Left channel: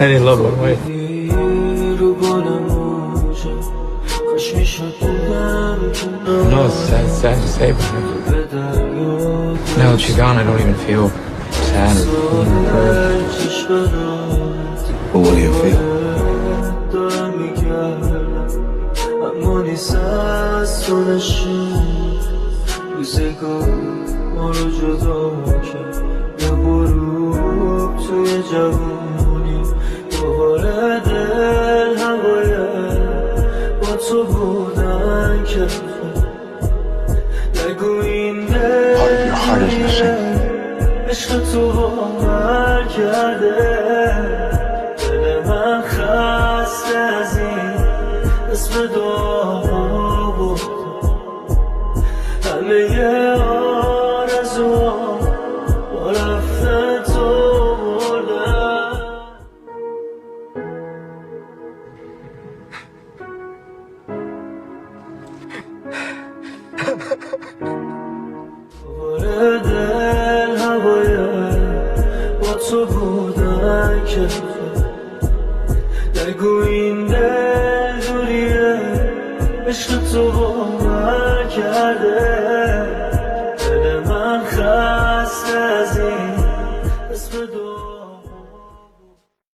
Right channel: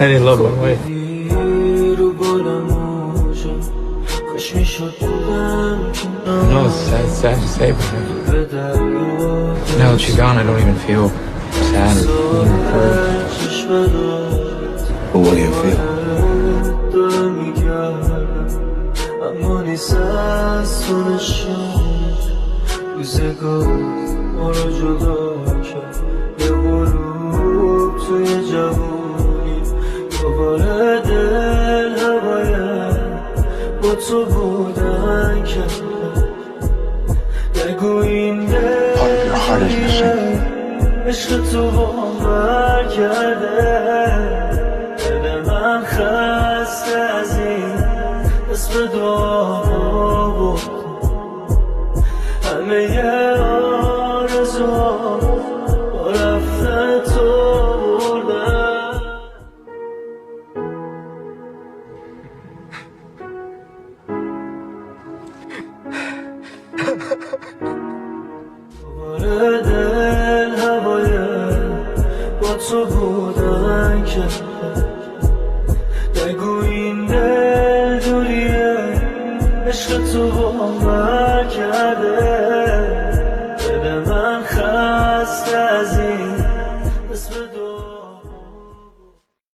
Any love one way. No, it's sad to say, but now that she's gone, I don't even feel sad or hurt. But what do you feel? Part of your heart is missing. تو بودن که نگو این دل دوریه عشق تو باور کرده